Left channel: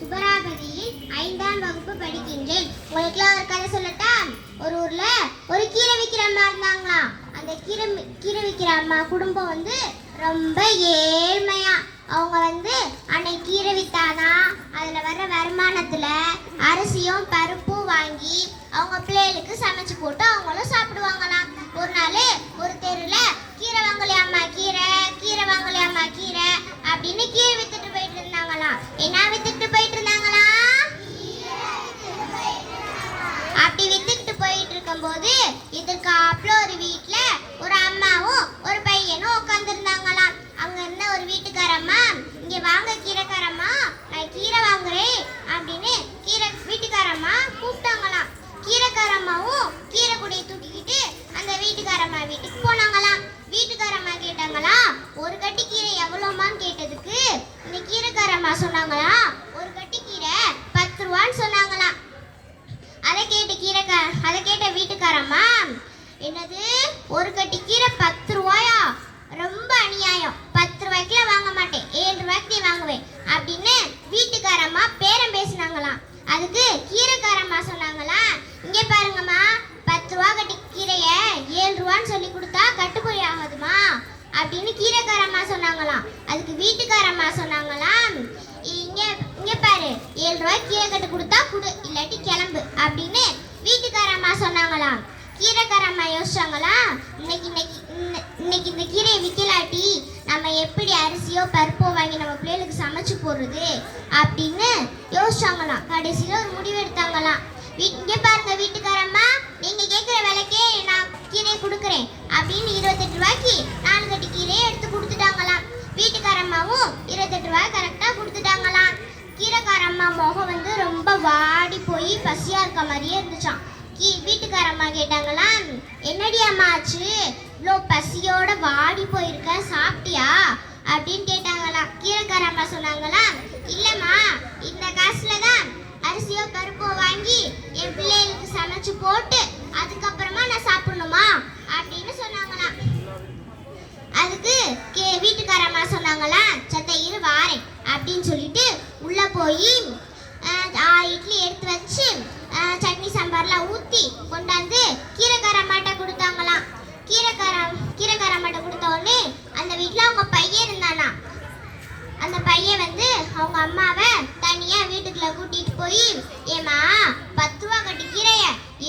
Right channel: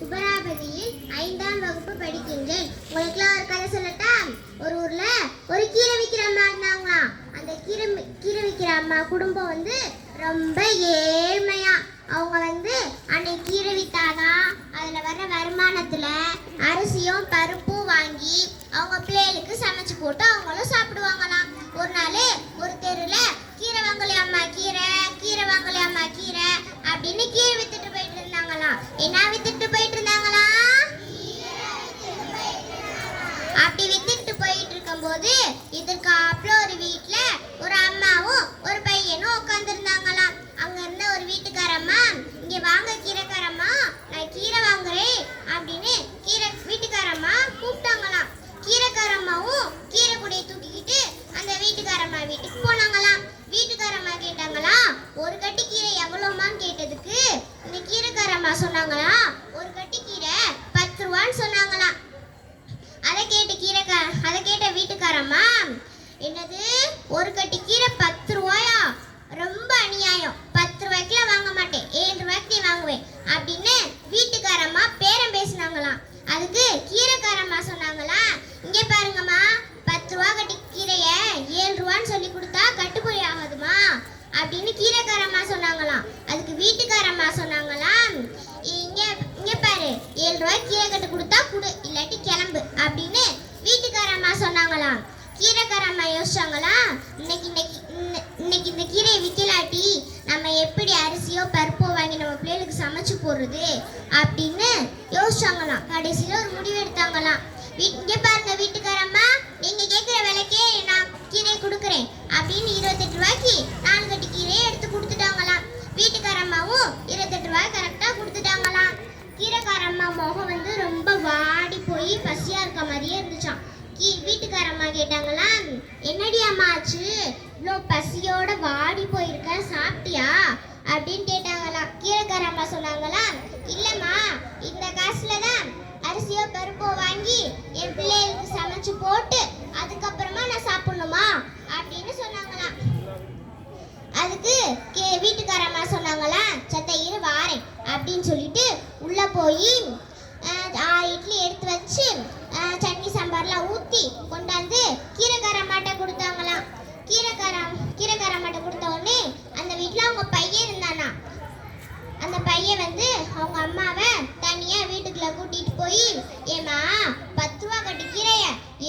துபராபதியில் 5ஆம் வகுப்பு படிக்கின்றேன். உங்களுக்குலாம் ஒரு கதை சொல்லட்டா? ஒரு ஊர்ல ஒரு கீரை விற்கிற அம்மா இருந்தாங்களாம். அந்த கீரை விற்கிற அம்மா குடும்பம் ரொம்ப ஏழ்மையா. அவங்க அன்னைக்கு கீரை வித்தாதான் அதுல வர்ற வருமானத்துல அரிசியும் பருப்பும் வாங்கி அவங்க பிள்ளைகளுக்கு சமைச்சு போட்டு அவங்களும் சாப்பிடுவாங்களாம். ஒரு நாள் ஒரு தெருல கீரை வாங்கலையாம்மா கீரை வாங்கலையாம்மா கீரை அப்படின்னு கீரை வித்துட்டு போயிட்டு இருந்தாங்களாம். என்ன வித்துட்டு போயிட்டு இருந்தாங்களாம்? அப்படி வித்துட்டு போயிட்டு இருக்கும்போது இதுக்காப்புல ஒரு வீட்டுல ஒரு அம்மாவும் ஒரு பையனும் உட்கார்ந்து இருந்தாங்களாம். அங்க இருந்த ஒரு வீட்டுக்காரம்மா, இங்க வாங்க கீரைக்காரம்மா, நான் கீரை வாங்குறேன் அப்படின்னு வீட்டுக்காரம்மா கூப்பிட்டாங்களாம். கீரைக்காரம்மாவும் கீரை கூடைய தூக்கிக்கிட்டு அந்த வீட்டுக்காரம்மா வீட்டுக்கு போனாங்களாம். வீட்டுக்காரம்மா கேட்டாங்களா, ஒரு கட்டி கீரை எவ்வளவுமான்னு கேட்டதுக்கு இந்த கீரைக்காரம்மா சொன்னாங்களா, ஒரு கட்டி கீரை 10 ரூபான்னு சொன்னாங்களாம். அதை கேட்ட வீட்டுக்காரம்மா, என்னது ஒரு கட்டி கீரை 10 ரூபாயா? ரொம்ப அநியாயம், 10 ரூபாய்க்குலாம் வாங்க மாட்டேன், 7 ரூபாய்க்கு நீ வாங்குவேன் அப்படின்னு வீட்டுக்காரம்மா பேரம் பேசினாங்களாம். அதுக்கு கீரைக்காரம்மா சொன்னாங்களா, இங்கே பாருங்கம்மா, 10 ரூபா கட்டி கீரைய 7 ரூபான்னு சொல்லி கொடுத்தா கட்டுப்படி ஆகாதுமா அப்படின்னு கீரைக்காரம்மா சொன்னாங்களாம். அதுக்கு வீட்டுக்காரம்மா சொன்னாங்களாம், இங்க பாரு, 7 ரூபாய்க்கு கீரை கட்டு கொடுத்தா குடு, இல்லாட்டி கிளம்பு அப்படின்னு வீட்டுக்காரம்மா சொன்னாங்களாம். கீரைக்காரம்மா யோசிச்சாங்களா, இன்னைக்கு இந்த கீரையை விற்கலாட்டி நம்ம எப்படி அரிசியோ பருப்போ வாங்கி நம்ம பிள்ளைகளுக்கு சமைச்சு போடுறது அப்படின்னு யோசிச்சாங்களாம். கடைசியில் ஒரு முடிவு எடுத்தாங்களாம். இங்கே பாருங்க வீட்டுக்காரம்மா, நீங்க கேட்குற விலைக்கே நான் கீரையை கொடுக்குறேன் அப்படின்னு 28 ரூபாய்க்கு 4 கட்டி கீரையை எடுத்து கொடுத்துட்டாங்களாம். வீட்டுக்காரம்மாவும் 28 ரூபாய் கரெக்டாக கொடுத்துட்டாங்களாம். கீரைக்காரம்மா முகம் ரொம்ப வாடி போய் பசியா இருக்க மாதிரியே இருந்துச்சான். வீட்டுக்காரம்மா கேட்டாங்களா, என்னடி அம்மா ஆச்சு, இவ்வளோ பசியோட வாடி போயிருக்க, சாப்பிட்டியா அப்படின்னு கேட்டாங்களா. கீரைக்காரம்மா சொன்னாங்களா, இல்லம்மா, இந்த காசுல தான் அரிசியோ பருப்போ வாங்கி என் பிள்ளைகளுக்கு சமைச்சு போட்டு அதுக்கப்புறமா நான் சாப்பிடணுமா அப்படின்னு சொன்னாங்களாம். அதுக்கு வீட்டுக்காரம்மா சொன்னாங்களா, சத்த இரு வாரேன் அப்படின்னு சொல்லிட்டு உள்ள போய் இட்லி எடுத்து வச்சு சட்னி சாம்பார்லாம் ஊற்றி கொண்டாந்து கீரைக்காரம்மாட்ட கொடுத்தாங்களாம். கீரைக்காரம்மாட்ட கொடுத்த உடனே அந்த வீட்டில் அவங்க பையன் இருந்தானா. அந்த பையன் அவங்க அம்மாவை தனியா வீட்டுக்குள்ள கூட்டிட்டு போய், ஏமா 10 ரூபா கட்டி கீரைய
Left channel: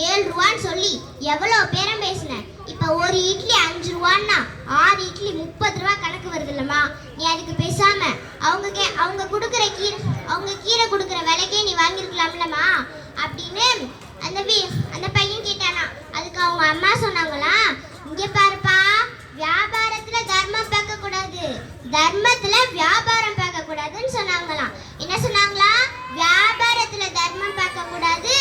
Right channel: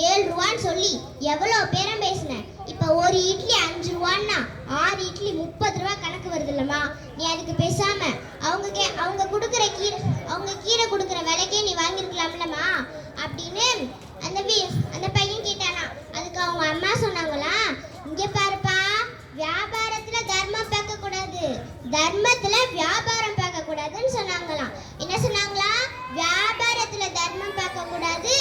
7 ரூபான்னு சொல்லி எவ்வளோ பேரம் பேசினேன், இப்ப ஒரு இட்லி 5 ரூபான்னா 6 இட்லி 30 ரூபா கணக்கு வருது இல்லம்மா, நீ அதுக்கு பேசாம அவங்க கொடுக்குற கீரை கொடுக்குற விலைக்கே நீ வாங்கியிருக்கலாம்லம்மா அப்படின்னு அந்த பையன் கேட்டானா. அதுக்கு அவங்க அம்மா சொன்னாங்களா, இங்க பாருப்பா, வியாபாரத்துல தர்மம் பார்க்க கூடாது, தர்மத்துல வியாபாரம் பார்க்க கூடாதுன்னு சொன்னாங்களாம். என்ன சொன்னாங்களா, வியாபாரத்துல தர்மம் பார்க்க கூடாது,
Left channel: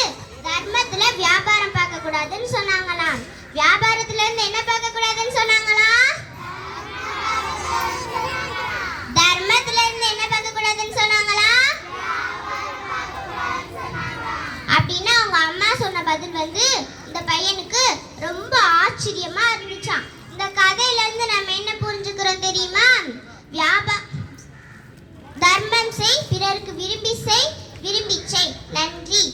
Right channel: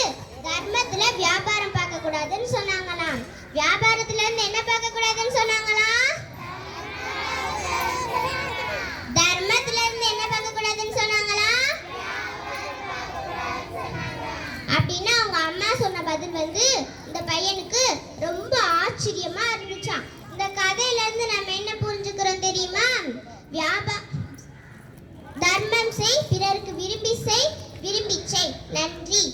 தர்மத்துல வியாபாரம் பார்க்க கூடாதுன்னு சொன்னாங்களாம். வியாபாரத்துல இருந்து என்ன பார்க்க கூடாதுன்னு சொன்னாங்களா, தர்மத்துல இருந்து என்ன பார்க்க கூடாதுன்னு சொன்னாங்களா. அப்படின்னா அவங்க அம்மா சொன்ன பதில் இந்த பையனுக்கு ரொம்ப ஆச்சரியமா இருந்துச்சான். இந்த கதையில இருந்து நம்ம என்ன புரிஞ்சுக்கிறோம் தெரியுமா? தர்மம் செய், பிறருக்கு விரும்பி செய், விரும்பி செய். நன்றி.